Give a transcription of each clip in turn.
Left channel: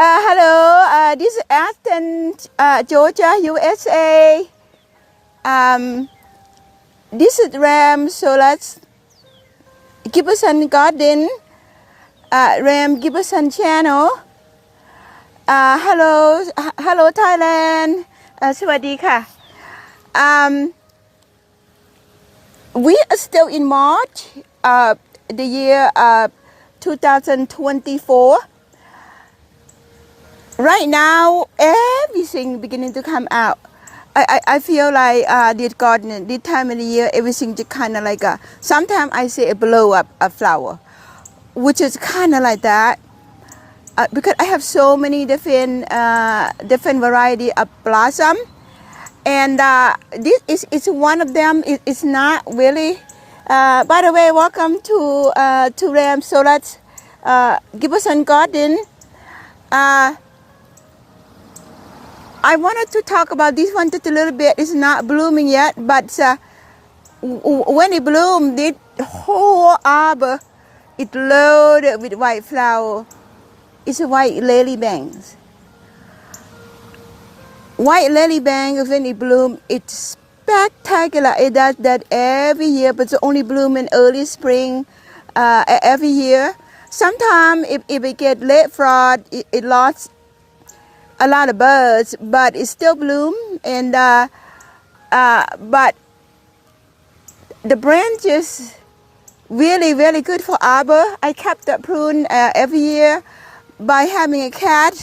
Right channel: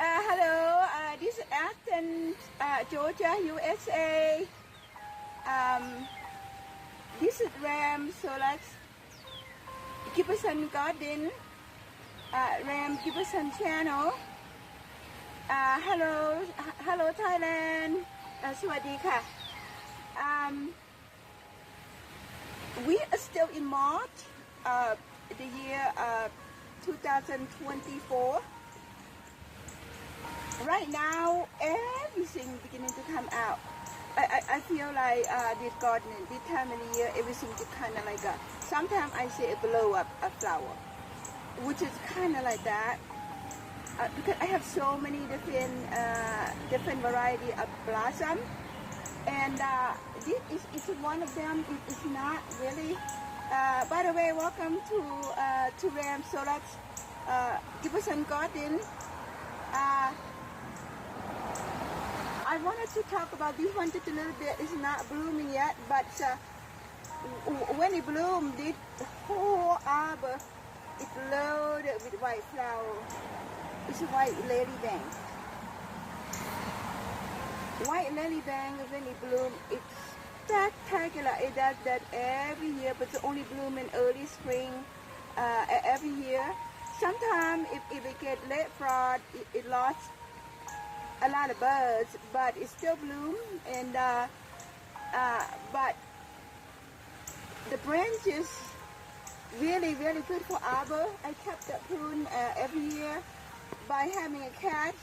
Hello, this is Athens, Georgia, USA. Um, this is Ram, so let's Gibson Garden, Ram Gibson channel. Hello Thailand. สวัสดีค่ะ we are still in March, the year 2024. Right now, everything beginning to come out. I feel like this garden, this time of the year, everything just kind of like sometimes I say a blow up a flower, which is kind of like that. Because I have so many different variety of blossom, and this is one of them. It's not really. By the way, welcome to Ram Solat's Gibson Garden. I wanted to talk about this one just a little bit. It's not blooming yet, but when it bloomed, this whole arbor is loaded with white flower. It's a white lily bangs. White lily bangs, when it blooms, it's spectacular. It does that every year, but it's only bloom in early spring every year. Sometimes if it get late frost, it lost a lot of birds, but it still bloom. And but the branches really good for arbor. I kept the prune every year by having a cat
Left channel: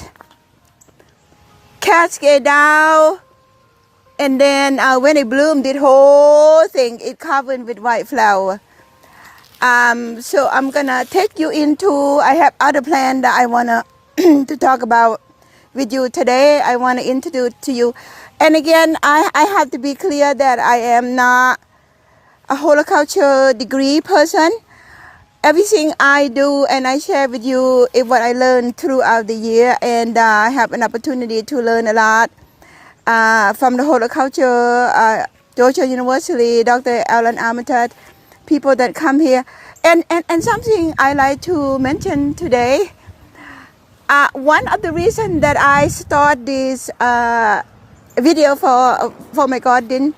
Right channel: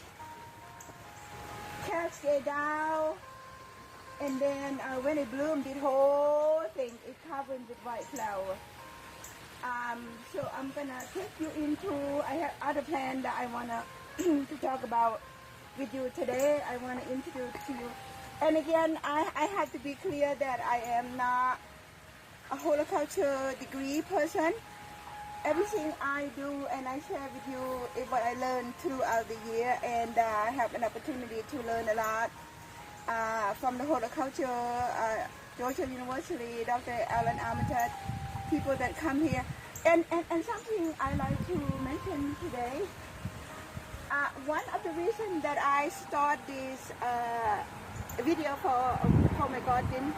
get down, and then when it bloomed, the whole thing it covered with white flower. So I'm gonna take you into. I have other plants that I wanna to talk about with you today. I want to introduce to you, and again, I have to be clear that I am not a horticulture degree person. Everything I do and I share with you is what I learned throughout the year, and I have an opportunity to learn a lot from the horticulture, Georgia University, Dr. Alan Armitage, people that come here. And something I like to mention today, one of the reasons that I start this video for my garden,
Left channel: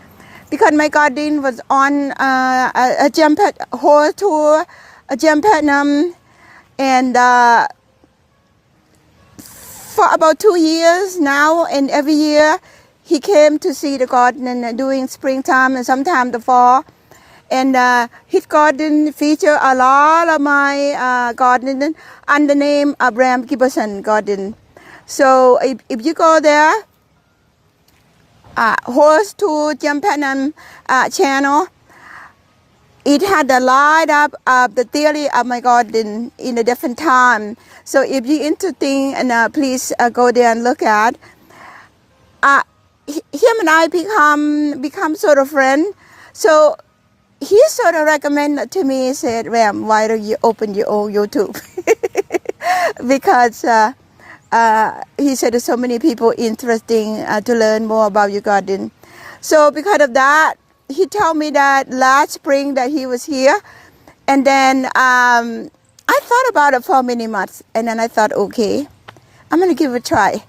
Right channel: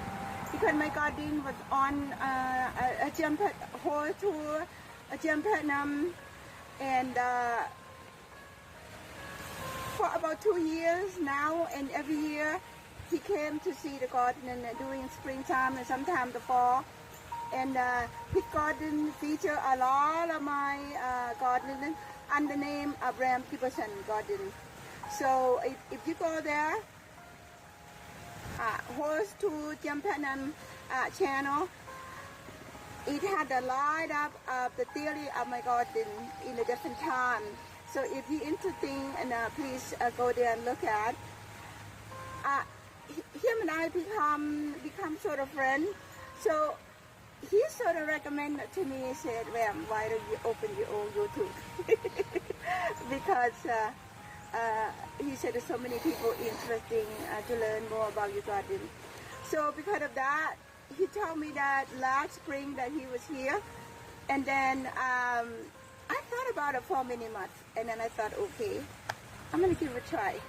because my garden was on a jump whole tour, a jump platinum, and for about 2 years now, and every year he came to see the garden and during springtime and sometimes the fall. And his garden feature a lot of my garden under the name Abraham Gibson Garden. So if you go there, host to Jump Platinum channel, it had a lot of the theory of my garden in a different time. So if you're interested, and please go there and look at. Him and I become sort of friends. So he sort of recommended to me, said, Ram, why don't you open your own YouTube? Because he said there's so many people interesting to learn more about your garden. So because of that, he told me that last spring that he was here. And then I thought about it for many months. And then I thought, okay, I'm going to give it a try.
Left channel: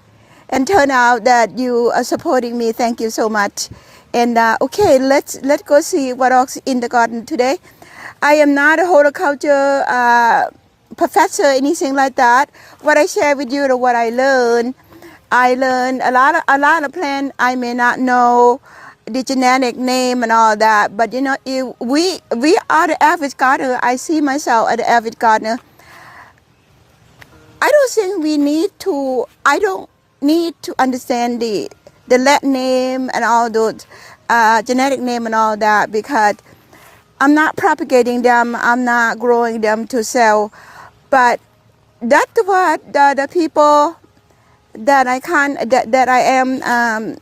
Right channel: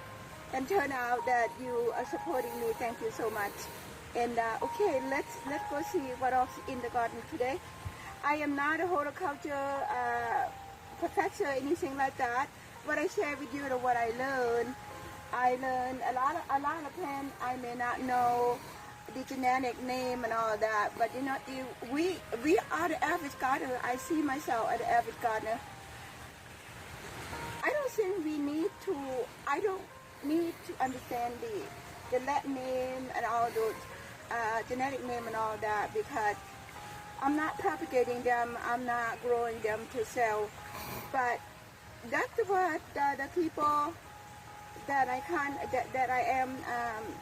And turn out that you are supporting me. Thank you so much. And okay, let's go see what else in the garden today. I am not a horticulture professor, anything like that. What I share with you is what I learned. I learned a lot of plants. I may not know the genetic name and all that, but you know, if we are the average gardener. I see myself as the average gardener. I don't think we need to. I don't need to understand the Latin name and all those genetic name and all that, because I'm not propagating them. I'm not growing them to sell. But that's what the people that I am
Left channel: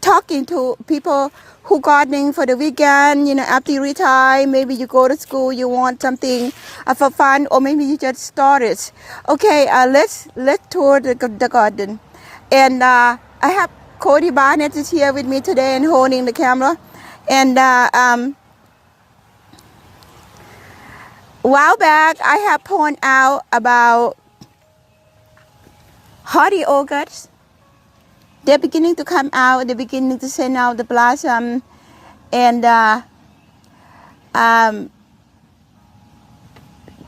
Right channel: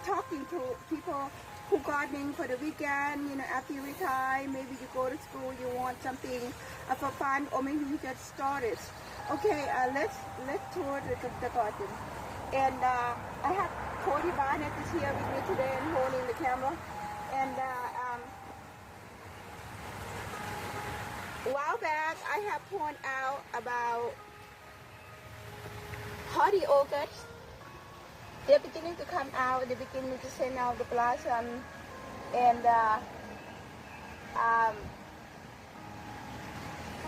talking to, people who gardening for the weekend, you know, after you retire, maybe you go to school, you want something for fun, or maybe you just started. Okay, let's tour the garden. And I have Cody Barnett is here with me today and holding the camera. And a while back, I have pointed out about hardy orchids. They're beginning to come out. They're beginning to send out the blossom, and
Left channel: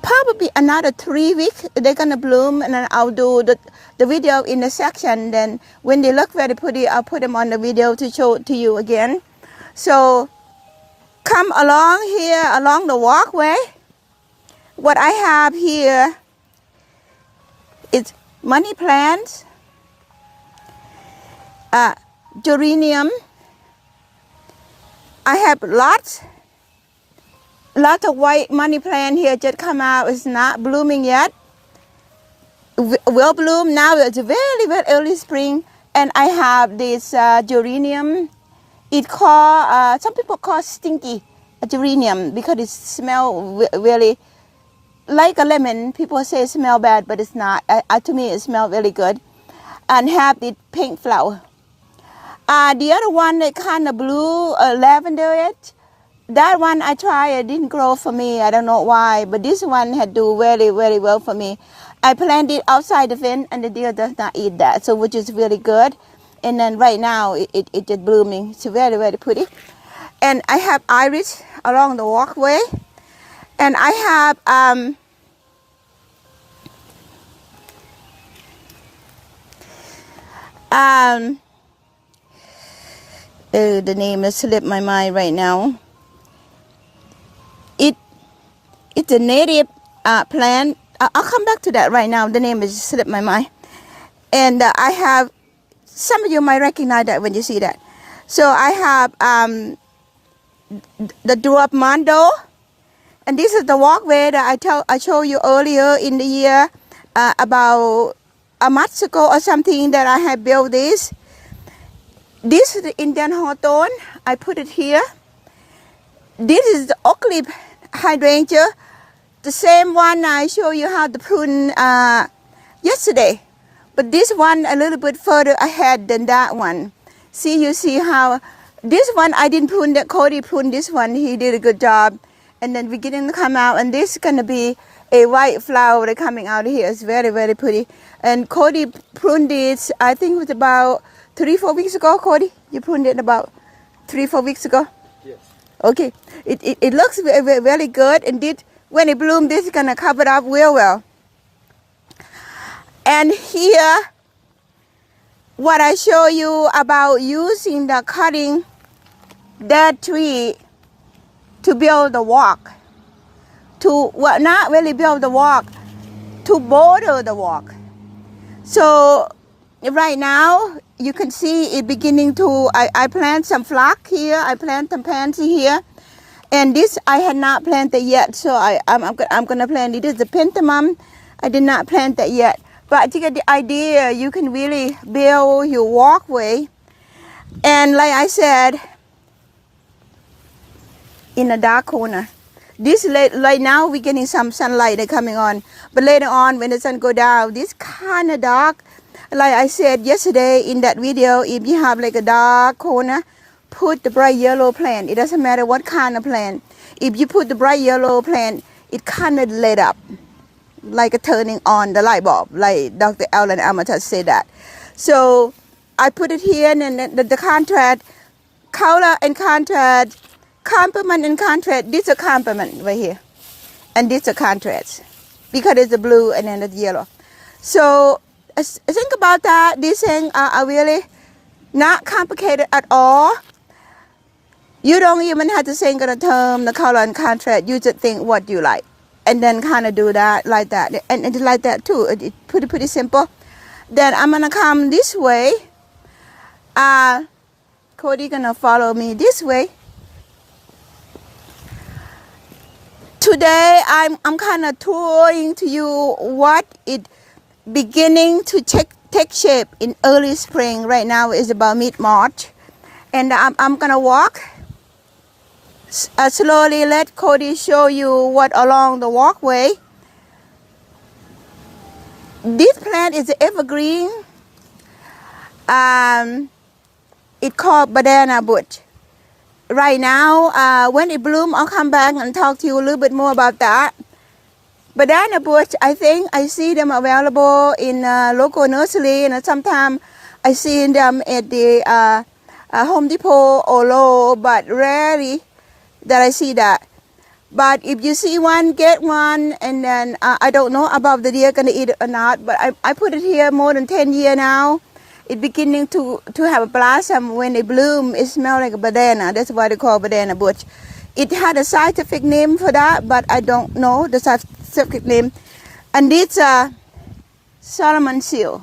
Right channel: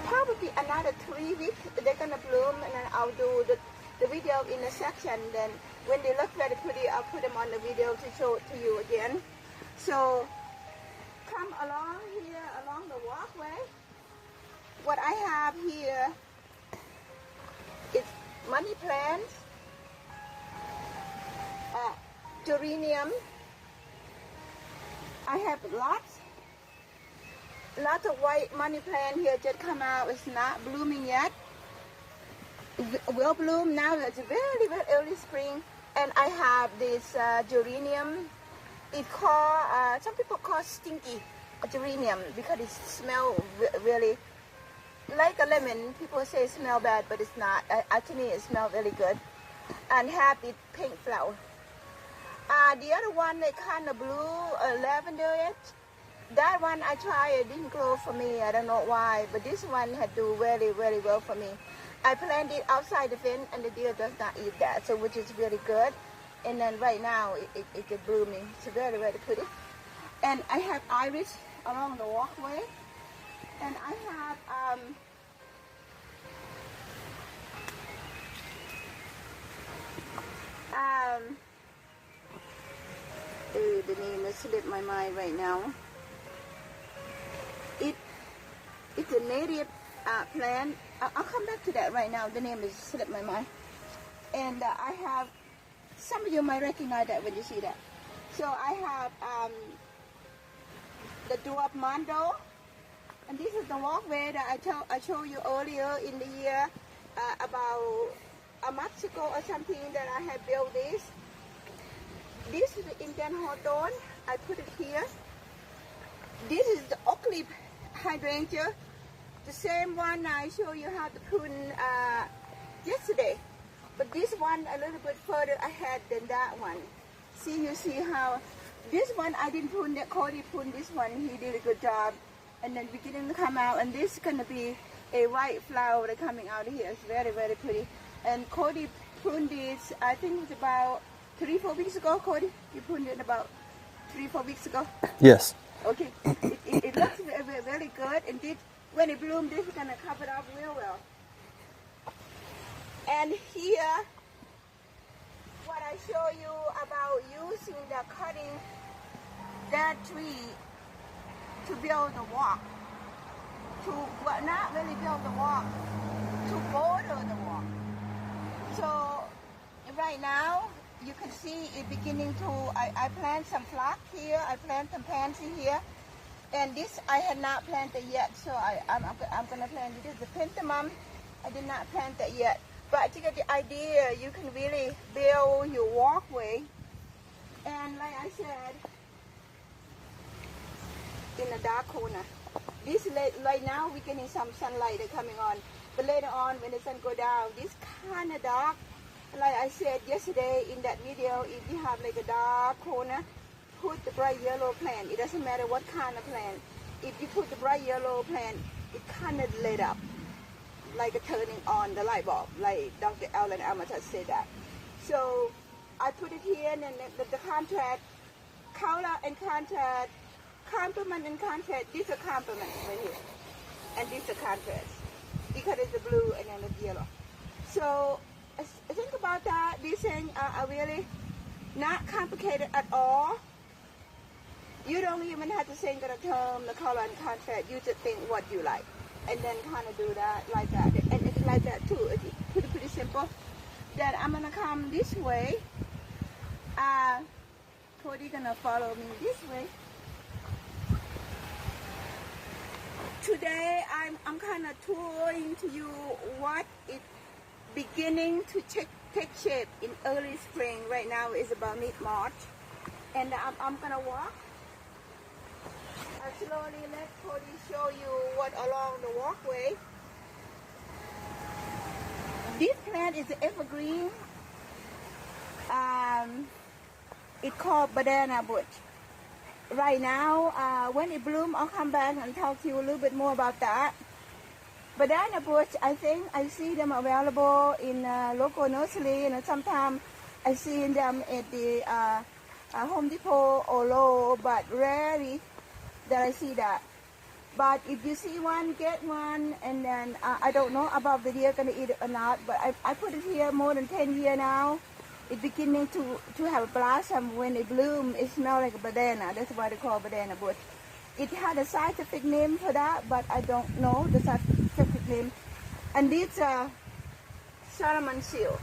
probably another 3 weeks they're gonna bloom, and then I'll do the video in the section. Then when they look very pretty, I'll put them on the video to show it to you again. So come along here along the walkway. What I have here is money plants, geranium. I have lots of white money plant here just come out. It's not blooming yet. Will bloom now. It's very, very early spring. And I have this geranium. It called, some people call stinky geranium because it smells really like a lemon. People say it smells bad, but it's not. To me, it smells really good. And have the pink flower. The other one, that kind of blue lavender, that one I tried, it didn't grow for me. I don't know why, but this one had do very, very well for me. I planted it outside the fence, and the deer does not eat that, so which is really good. And then right now, it is blooming. It's very, very pretty. And I have iris along the walkway. And I have the name has slipped my mind right now. It's a native plant. I'll come back to that right now. The name has slipped my mind. And I have, some of you might recognize that when you see that. So I have the dwarf mondo. And this is the walkway that I showed you earlier in the year, about a month ago or something, that I have built this. This is the Indian hawthorn. I put it here. This is the oak leaf hydrangea, the same one I showed you how to prune yesterday. But this one a little bit further ahead than that one. You see how this one I didn't prune, that Cody pruned this one. He did a good job. And then beginning to come out, and this is gonna be a white flower that coming out here. It's very, very pretty. And Cody pruned this, I think it was about 3-4 weeks ago. Cody, you pruned it about 3-4 weeks ago? Yes. Okay. It looks very, very good, and when it blooms, this is gonna cover it up real well. And here, what I show you about using the cutting that tree to build the walk, not really build the walk, to border the walk. So right now, you can see it beginning to, I plant some phlox here, I plant some pansy here, and this I had not planted yet, so I'm gonna plant it. This is the pentamum. I did not plant that yet. But to get the idea, you can really build your walkway. And like I said, in a dark corner. This right now we're getting some sunlight coming on, but later on when the sun go down, this kind of dark. Like I said yesterday in that video, if you have like a dark corner, put the bright yellow plant. It doesn't matter what kind of plant. If you put the bright yellow plant, it kind of lit up, like a turning on the light bulb, like Dr. Alan Amatas said that. So I put it here, and then the contrast, color and contrast, complement and contrast. This is a complement right here, and this is a contrast because it's the blue and then the yellow. So think about that. These things are really not complicated at all. You don't even have to think of the term, the color and contrast. You just think what you like, and then kind of do that like that, and it's like that too. It's pretty simple. Then I'm gonna come this way. Cody gonna follow me this way. Today I'm kind of touring to you what it beginning to take shape in early spring. Right now is about mid-March, and I'm gonna walk slowly. Let Cody show you what along the walkway. This plant is evergreen. It's called banana bush. Right now, when it blooms, I'll come back and talk to you a little bit more about that. banana bush, I think I see them available in local nursery, and sometimes I see them at the Home Depot or Lowe's, but rarely that I see that. But if you see one, get one, and then I don't know about the deer gonna eat it or not, but I put it here more than 10 years now. It's beginning to have a blossom. When they bloom, it smells like a banana. That's why they call banana bush. It had a scientific name for that, but I don't know the scientific name. And it's a Solomon seal.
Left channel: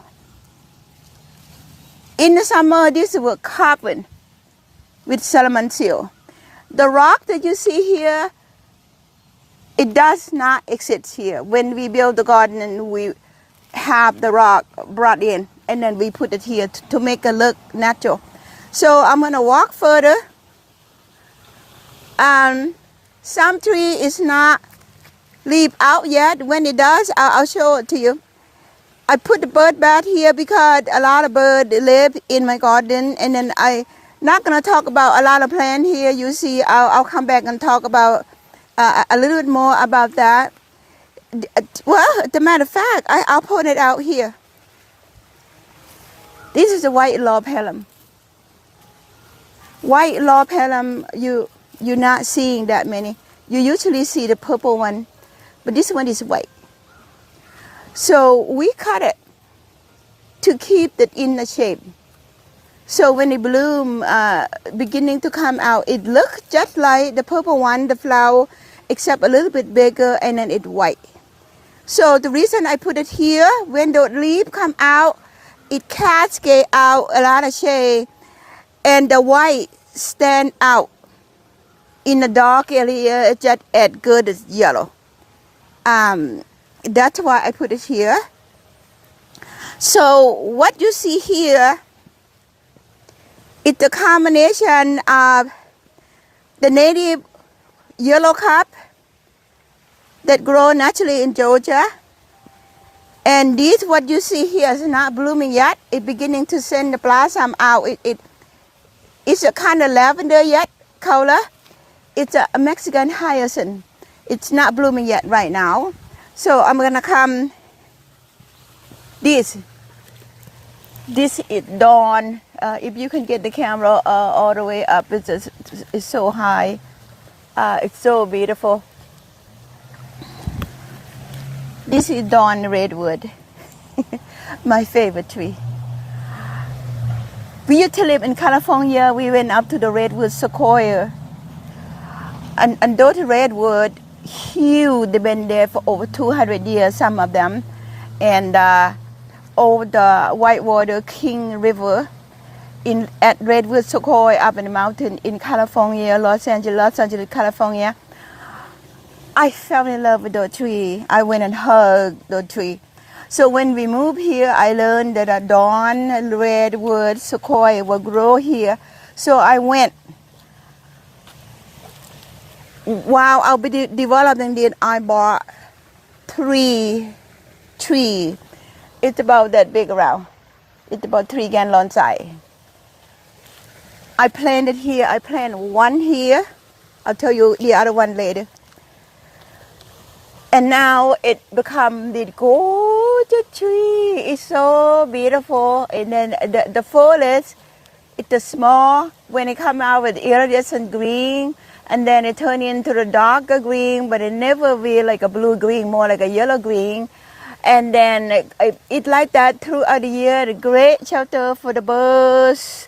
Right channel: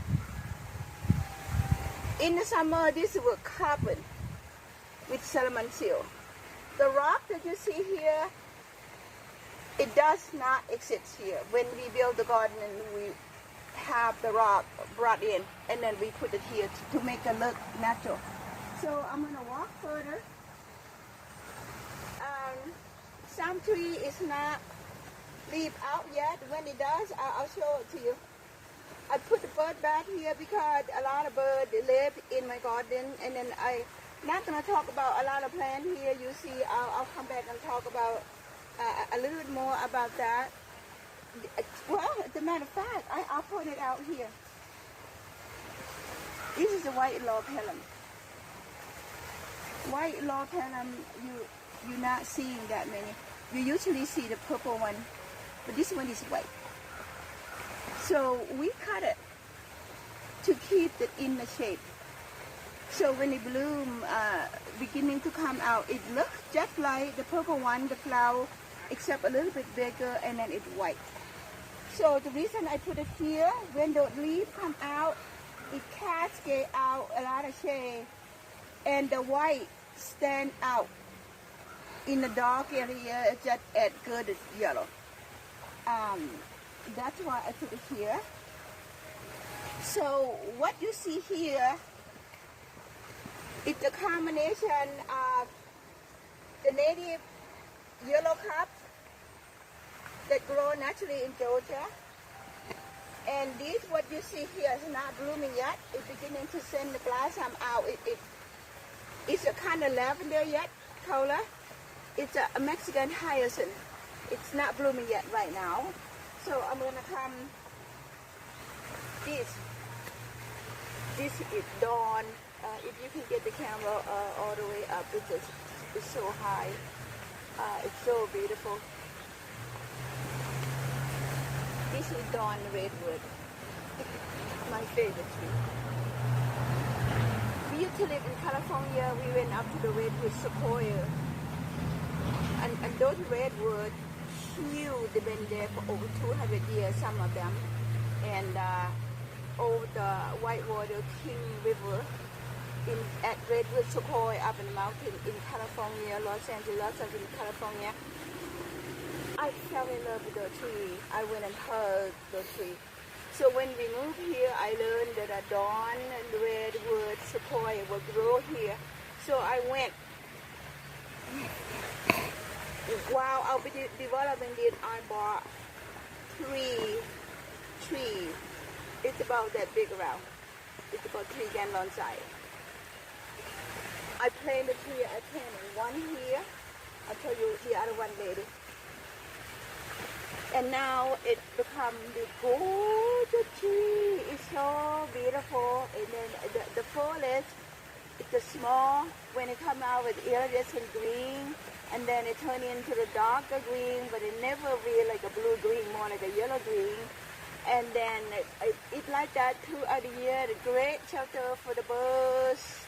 In the summer, this was covered with Solomon seal. The rock that you see here, it does not exist here. When we build the garden, we have the rock brought in, and then we put it here to make it look natural. So I'm gonna walk further. Some tree is not leaf out yet. When it does, I'll show it to you. I put the bird bath here because a lot of birds live in my garden, and then I not gonna talk about a lot of plants here. You see, I'll come back and talk about a little bit more about that. Well, as a matter of fact, I'll point it out here. This is a white lobhelm. White lobhelm, you're not seeing that many. You usually see the purple one, but this one is white. So we cut it to keep it in the shape. So when it bloom, beginning to come out, it looks just like the purple one, the flower, except a little bit bigger, and then it's white. So the reason I put it here, when the leaves come out, it cascade out a lot of shade, and the white stand out in the dark area, just as good as yellow. That's why I put it here. So what you see here is the combination of the native yellow cup that grow naturally in Georgia. And this, what you see here, is not blooming yet. It's beginning to send the blossom out. It's a kind of lavender yet color. It's a Mexican hyacinth. It's not blooming yet right now. So I'm gonna come. This is dawn. If you can get the camera all the way up, it's so high. It's so beautiful. This is dawn redwood, my favorite tree. We used to live in California. We went up to the redwood sequoia. And those redwood, huge, they've been there for over 200 years, some of them. And over the Whitewater King River at Redwood Sequoia up in the mountain in California, Los Angeles, California. I fell in love with the tree. I went and hugged the tree. So when we moved here, I learned that a dawn redwood sequoia will grow here. So I went. While I'll be developing it, I bought 3 trees. It's about that big around. It's about 3 gallon size. I planted here. I planted one here. I'll tell you the other one later. And now it become the gorgeous tree. It's so beautiful. And then the foliage, it's small. When it come out with iridescent green, and then it turn into the darker green, but it never be like a blue green, more like a yellow green. And then it like that throughout the year. The great shelter for the birds.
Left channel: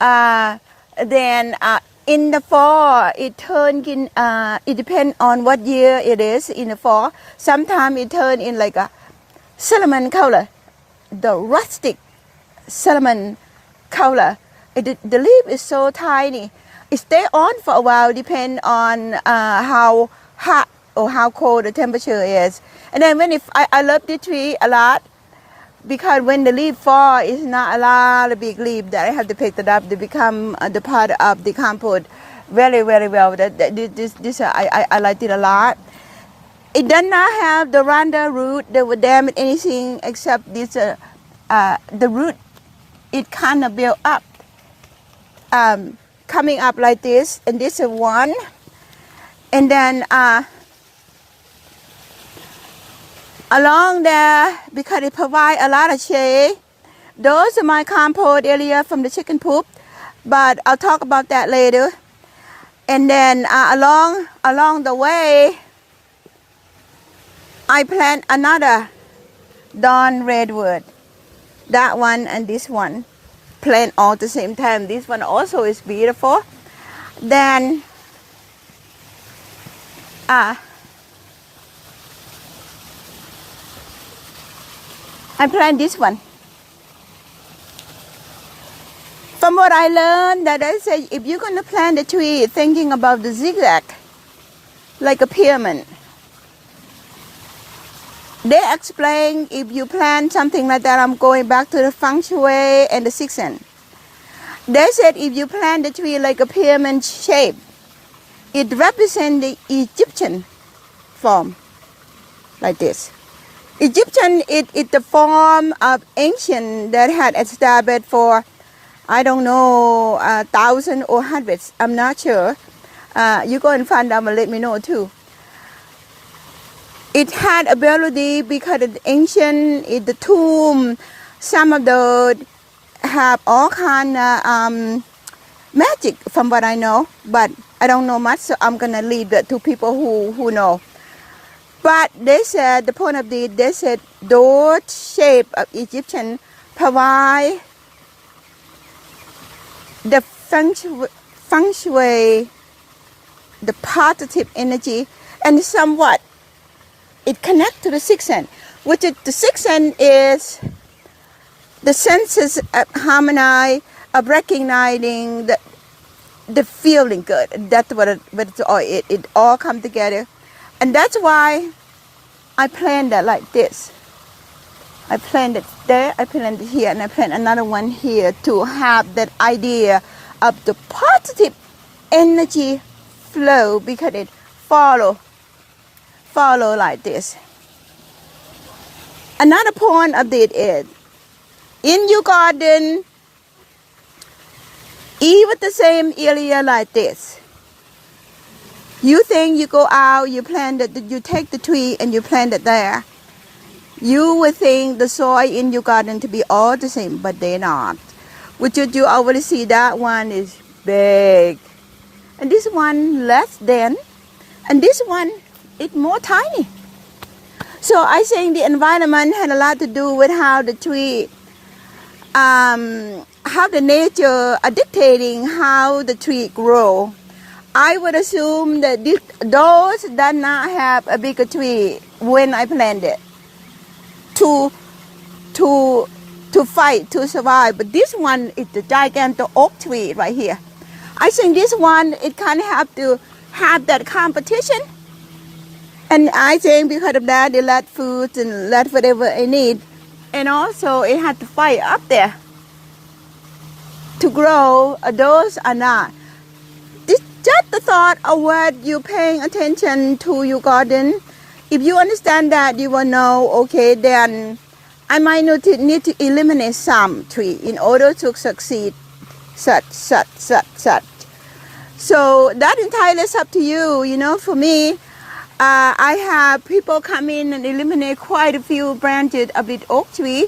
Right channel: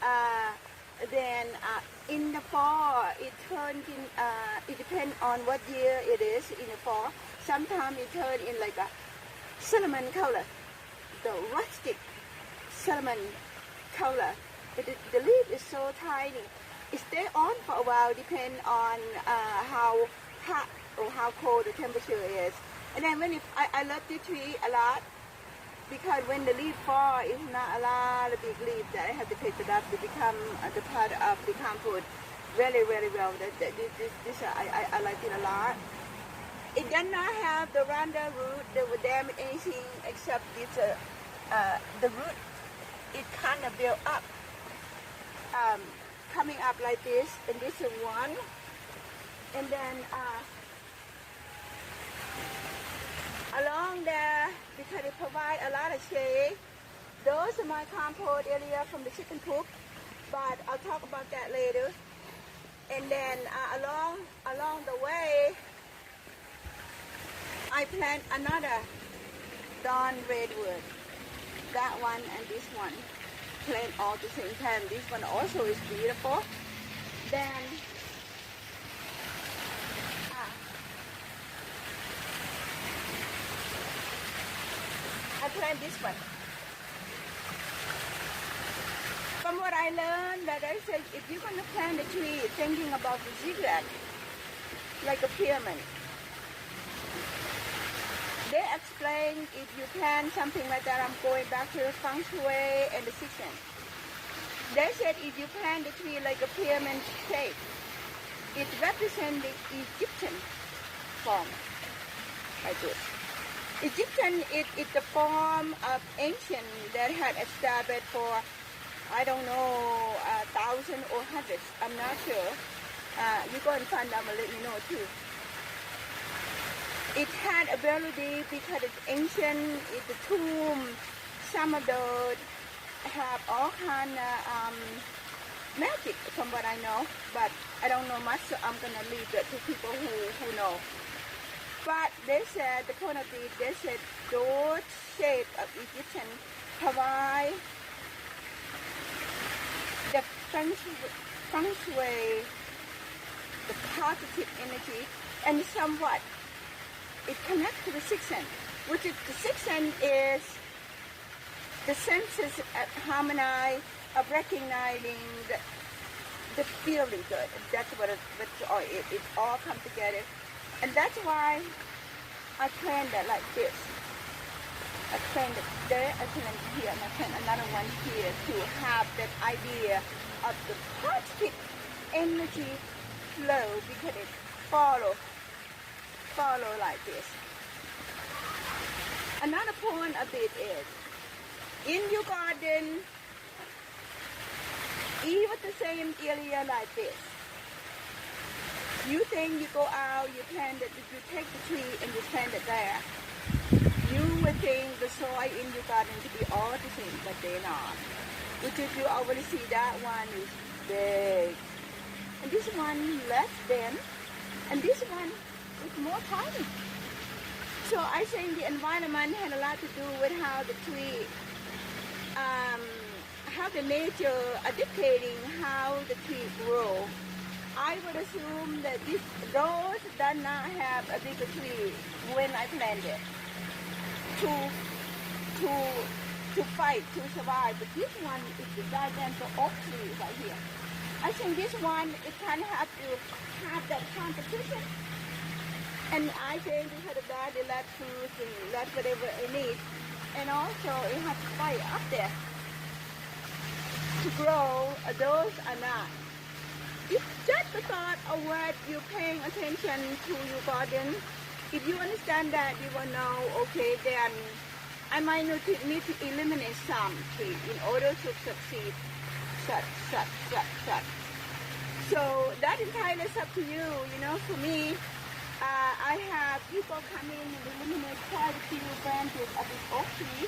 Then in the fall, it turns in, it depends on what year it is in the fall. Sometimes it turns in like a cinnamon color, the rustic cinnamon color. The leaf is so tiny. It stays on for a while, depend on how hot or how cold the temperature is. And then I love the tree a lot, because when the leaf fall, it's not a lot of big leaf that I have to pick it up to become the part of the compost. Very, very well. I liked it a lot. It does not have the random root that would damage anything except this. The root, it kind of built up, coming up like this, and this is one. And then along there because it provides a lot of shade. Those are my compost area from the chicken poop, but I'll talk about that later. And then along the way, I plant another dawn redwood. That one and this one, plant all at the same time. This one also is beautiful. Then I plant this one. From what I learned, that I say if you're going to plant a tree thinking about the zigzag, like a pyramid, they explain if you plant something like that, I'm going back to the feng shui and the sixth sense. They said if you plant the tree like a pyramid shape, it represents the Egyptian form, like this. Egyptian is the form of ancient that had established for, I don't know, 1,000 or hundreds. I'm not sure. You go and find out and let me know too. It had ability because it's ancient, it's the tomb. Some of those have all kind of magic from what I know, but I don't know much, so I'm going to leave that to people who know. But they said, the point of this, they said those shape of Egyptian provide the feng shui, the positive energy, and somewhat it connects to the sixth sense, which is the sixth sense is the senses of harmony, of recognizing the feeling good. That's what it all come together, and that's why I planned that like this. I planned it there, I planned it here, and I planned another one here to have that idea of the positive energy flow because it follow like this. Another point of it is, in your garden, even the same area like this, you think you go out, you plant it, you take the tree and you plant it there. You would think the soil in your garden to be all the same, but they're not. Which you already see that one is big. And this one less than. And this one is more tiny. So I think the environment had a lot to do with how the tree, how the nature are dictating how the tree grow. I would assume that those that not have a bigger tree when I planted to fight, to survive. But this one is the gigantic oak tree right here. I think this one, it kind of have to have that competition. And I think because of that, they let food and let whatever it need. And also it had to fight up there to grow. Those are not. This just the thought of what you're paying attention to your garden. If you understand that, you will know, okay, then I might need to eliminate some tree in order to succeed, such. So that entirely is up to you. You know, for me, I have people come in and eliminate quite a few branches of the oak tree.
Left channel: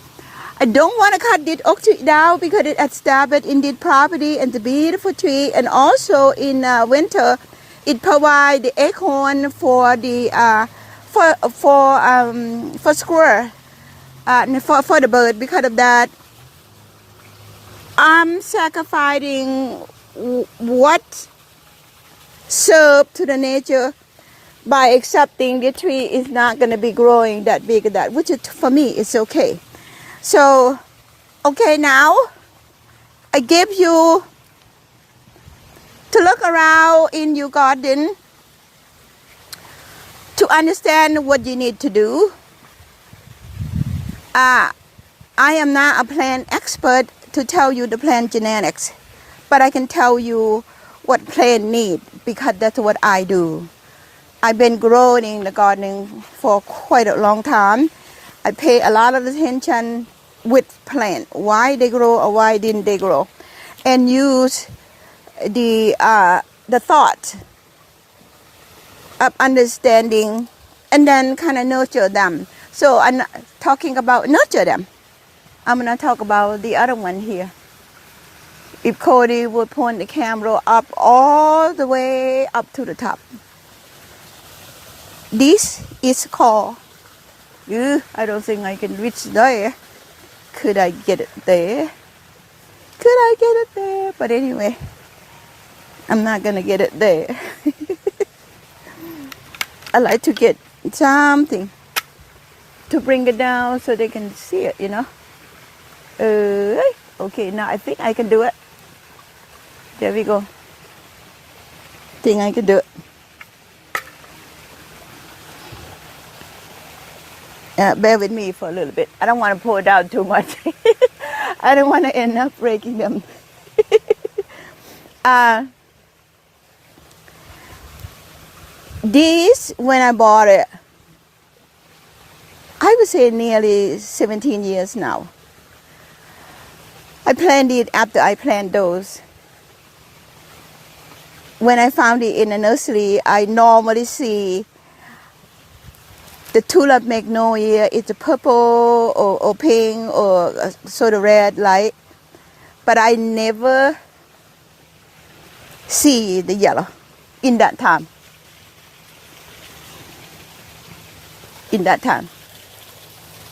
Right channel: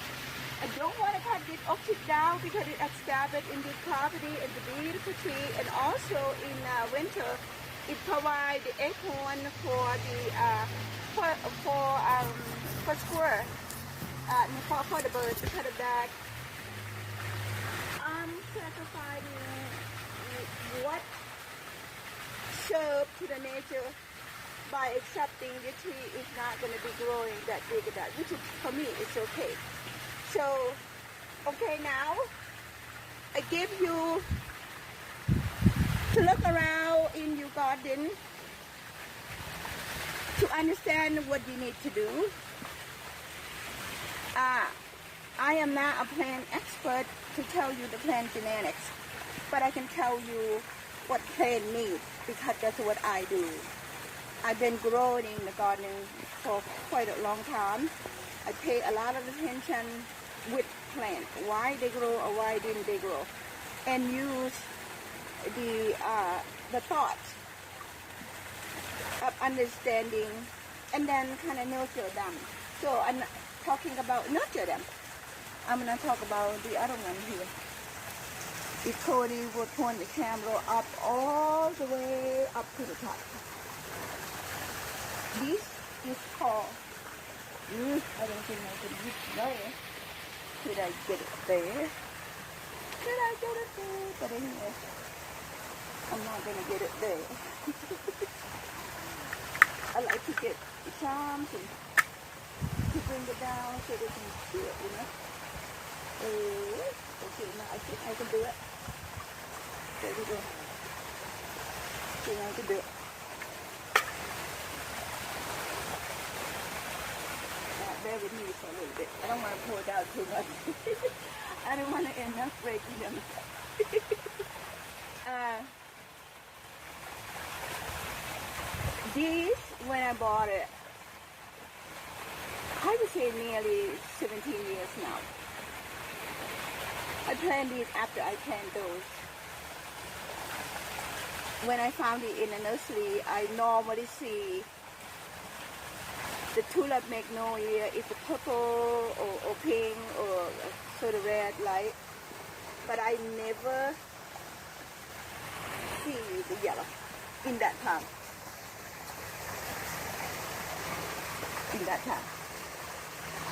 I don't want to cut this oak tree down because it established in this property and it's a beautiful tree. And also in winter, it provides the acorn for the for squirrel, for the bird. Because of that, I'm sacrificing what served to the nature by accepting the tree is not going to be growing that big, that which is, for me is okay. So, okay, now I give you to look around in your garden to understand what you need to do. I am not a plant expert to tell you the plant genetics, but I can tell you what plant need because that's what I do. I've been growing the gardening for quite a long time. I pay a lot of attention with plant, why they grow or why didn't they grow, and use the thought of understanding and then kind of nurture them. So I'm not talking about nurture them. I'm gonna talk about the other one here. If Cody would point the camera up all the way up to the top. This is called, I don't think I can reach there. Could I get it there? Could I get it there? But anyway, I'm not gonna get it there. I like to get something to bring it down so they can see it, you know. Okay, now I think I can do it. There we go. Think I can do it. Bear with me for a little bit. I don't want to pour down too much. I don't want to end up breaking them. This, when I bought it, I would say nearly 17 years now. I planted it after I planted those. When I found it in a nursery, I normally see the tulip magnolia. It's a purple or pink or sort of red light. But I never see the yellow in that time.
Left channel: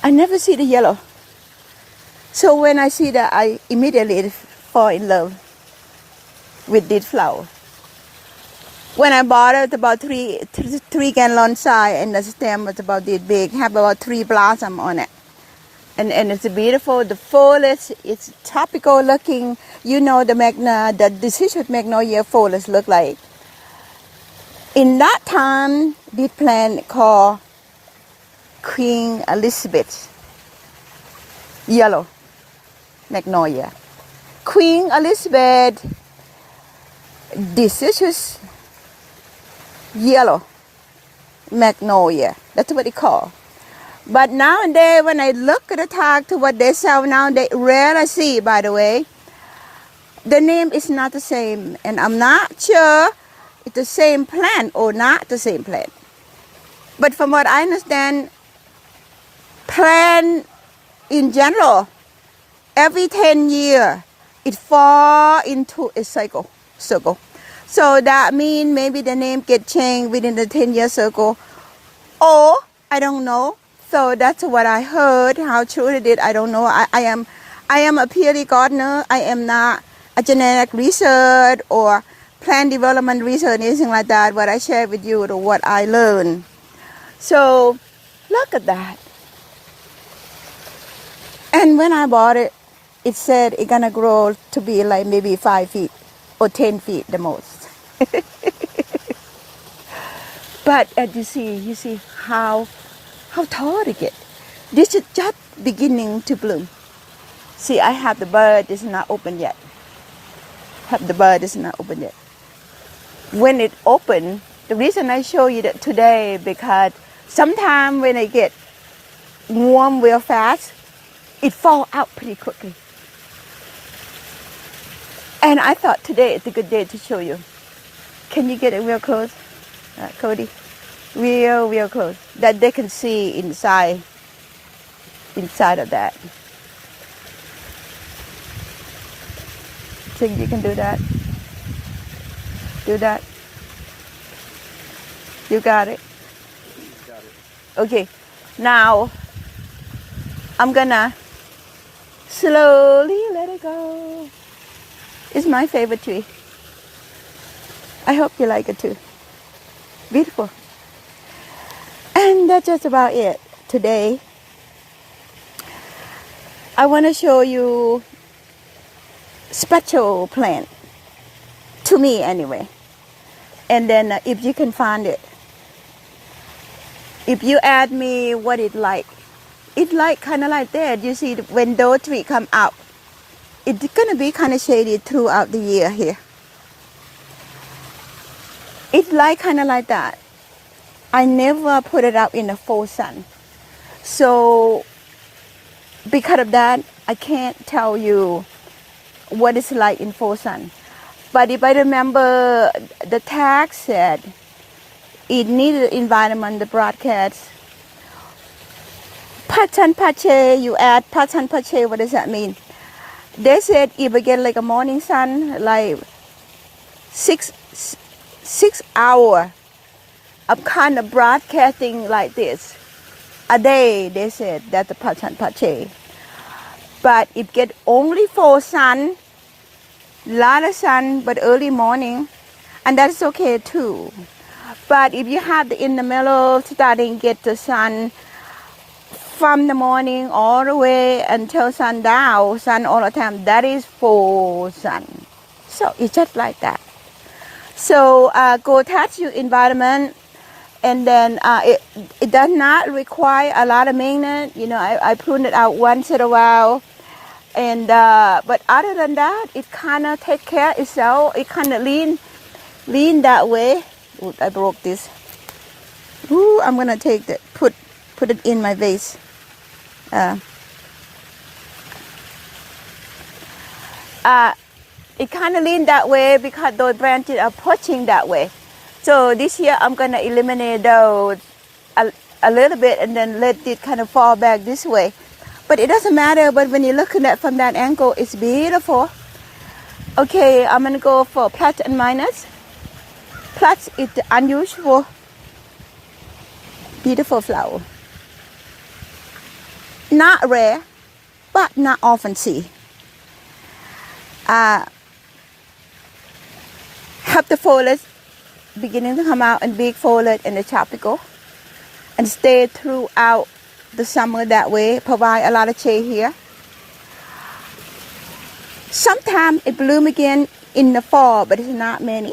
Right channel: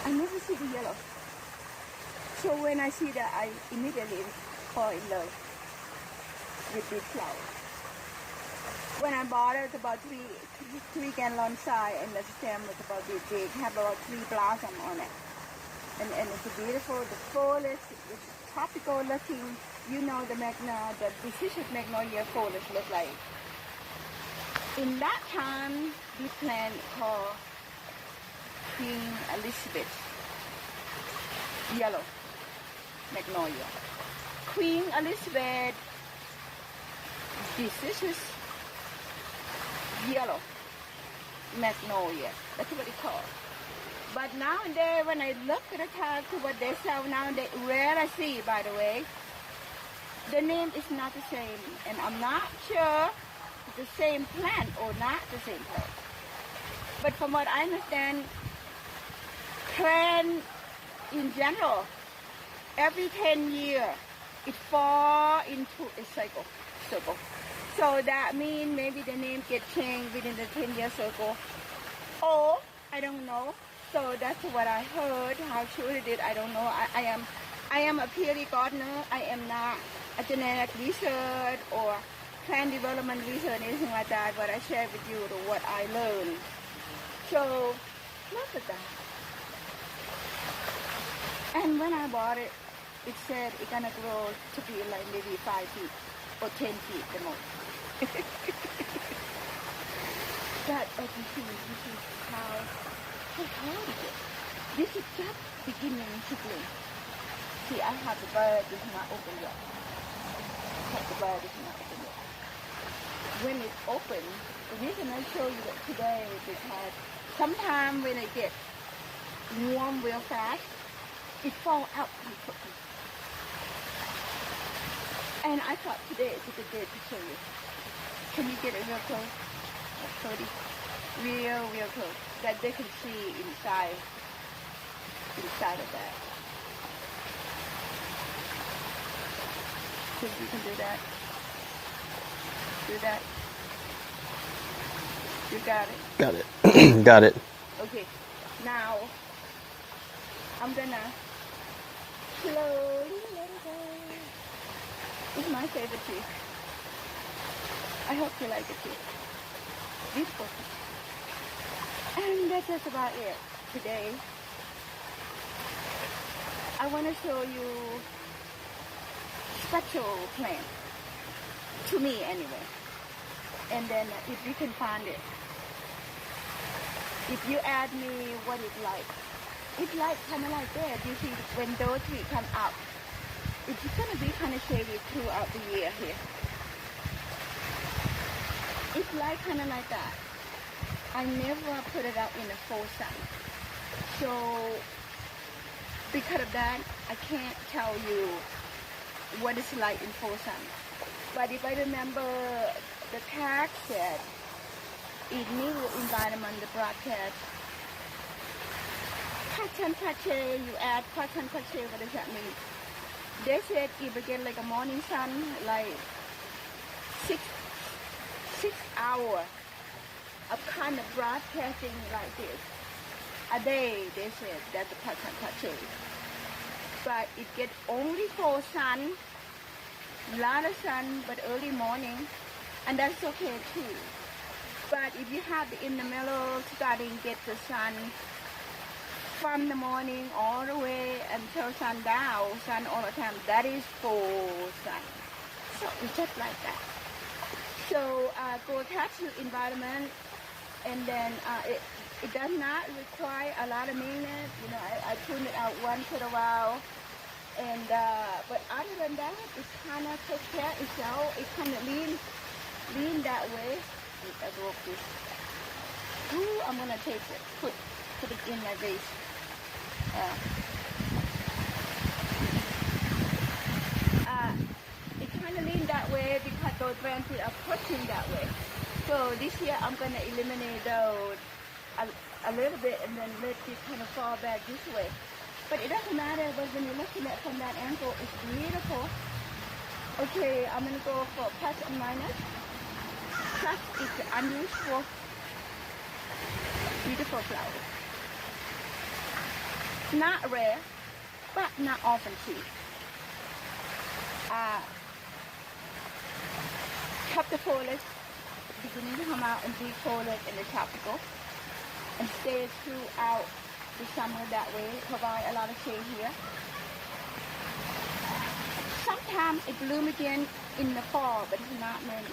I never see the yellow. So when I see that, I immediately fall in love with this flower. When I bought it, about three gallon size, and the stem was about this big, have about 3 blossoms on it. And it's beautiful. The foliage, it's tropical looking. You know the deciduous magnolia foliage look like. In that time, this plant called Queen Elizabeth yellow magnolia. Queen Elizabeth deciduous yellow magnolia. That's what they call. But nowadays, when I look at the tag to what they sell now, they rarely see, by the way, the name is not the same. And I'm not sure it's the same plant or not the same plant. But from what I understand, plant in general, every 10 years, it fall into a circle. So that means maybe the name get changed within the 10-year circle. Or, I don't know. So that's what I heard. How true it is, I don't know. I am a PhD gardener. I am not a genetic research or plant development research, anything like that. What I share with you is what I learned. So, look at that. And when I bought it, it said it's gonna grow to be like maybe 5 feet or 10 feet the most. But as you see how tall it gets. This is just beginning to bloom. See, I have the bud, it's not open yet. When it open, the reason I show you that today, because sometimes when it get warm real fast, it fall out pretty quickly. And I thought today is a good day to show you. Can you get it real close, Cody? Real close, that they can see inside of that. Think you can do that? Do that? You got it? Got it. Got it. Okay, now I'm gonna slowly let it go. It's my favorite tree. I hope you like it too. Beautiful. And that's just about it today. I want to show you special plant, to me anyway. And then if you can find it, if you ask me what it's like kind of like that. You see, when those trees come out, it's gonna be kind of shady throughout the year here. It's like kind of like that. I never put it out in the full sun. So because of that, I can't tell you what it's like in full sun. But if I remember, the tag said it needed environment, the broadcast, Patan pache, you add patan pache, what does that mean? They said if we get like a morning sun, like six hour of kind of broadcasting like this a day, they said that's the patan pache. But it get only for sun, lot of sun, but early morning, and that's okay too. But if you have the in the middle, starting get the sun from the morning all the way until sundown, sun all the time, that is full sun. So it's just like that. So go touch your environment, and then it does not require a lot of maintenance. You know, I prune it out once in a while, and but other than that, it kind of take care itself. It kind of lean that way. Ooh, I broke this. Ooh, I'm gonna take that, put it in my vase. It kind of lean that way because those branches are pushing that way. So this year I'm gonna eliminate those a little bit and then let it kind of fall back this way. But it doesn't matter. But when you're looking at from that angle, it's beautiful. Okay, I'm gonna go for plus and minus. Plus is the unusual, beautiful flower. Not rare, but not often see. Have the foliage beginning to come out and big foliage in the tropical, and stay throughout the summer that way. Provide a lot of shade here. Sometimes it bloom again in the fall, but it's not many.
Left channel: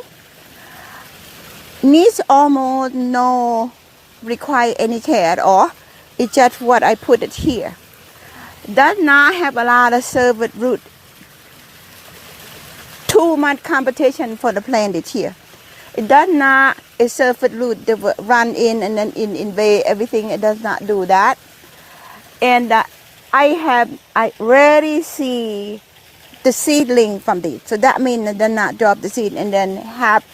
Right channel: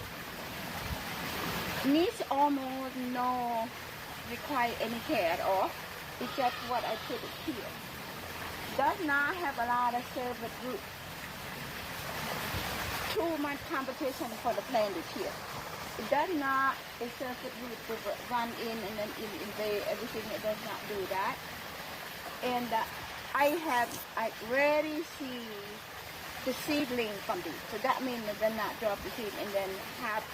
Needs almost no require any care at all. It's just what I put it here. Does not have a lot of servant root. Too much competition for the plant this year. It does not a servant root that will run in and then invade everything. It does not do that. And I rarely see the seedling from these. So that means it does not drop the seed and then have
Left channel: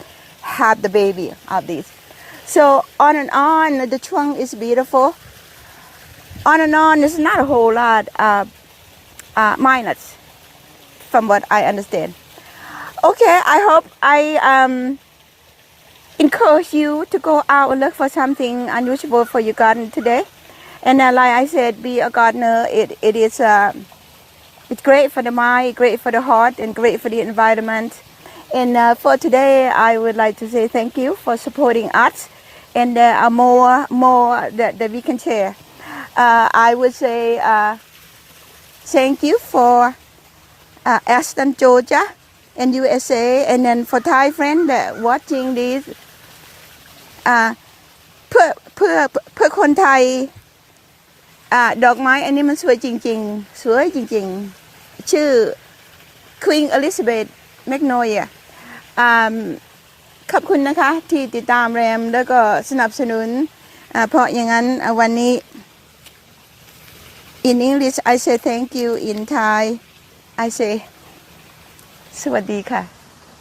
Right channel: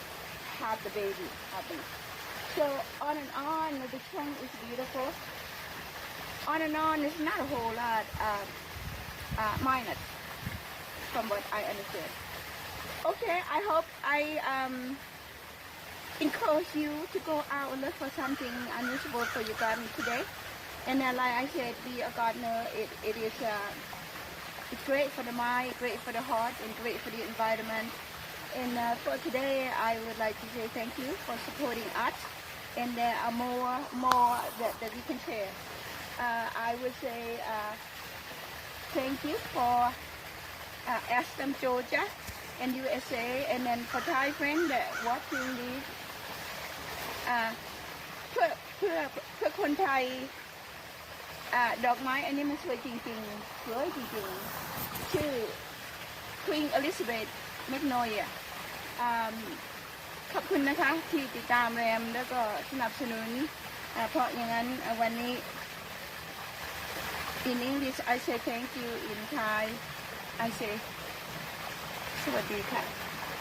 the baby of these. So on and on, the trunk is beautiful. On and on, there's not a whole lot minus from what I understand. Okay, I hope I encourage you to go out and look for something unusual for your garden today. And like I said, be a gardener. It is it's great for the mind, great for the heart, and great for the environment. And for today, I would like to say thank you for supporting us. And there are more that we can share. I would say thank you for Aston, Georgia, and USA, and then for Thai friends that watching this. เพื่อคนไทยดอกไม้อันนี้มันสวยจริงๆสวยจริงๆชื่อ Queen Elizabeth magnolia ขอบคุณนะคะที่ติดตามแรมแล้วก็สนับสนุนเพราะอย่างนั้นวันนี้ in English I say thank you, in Thai I say สวัสดีค่ะ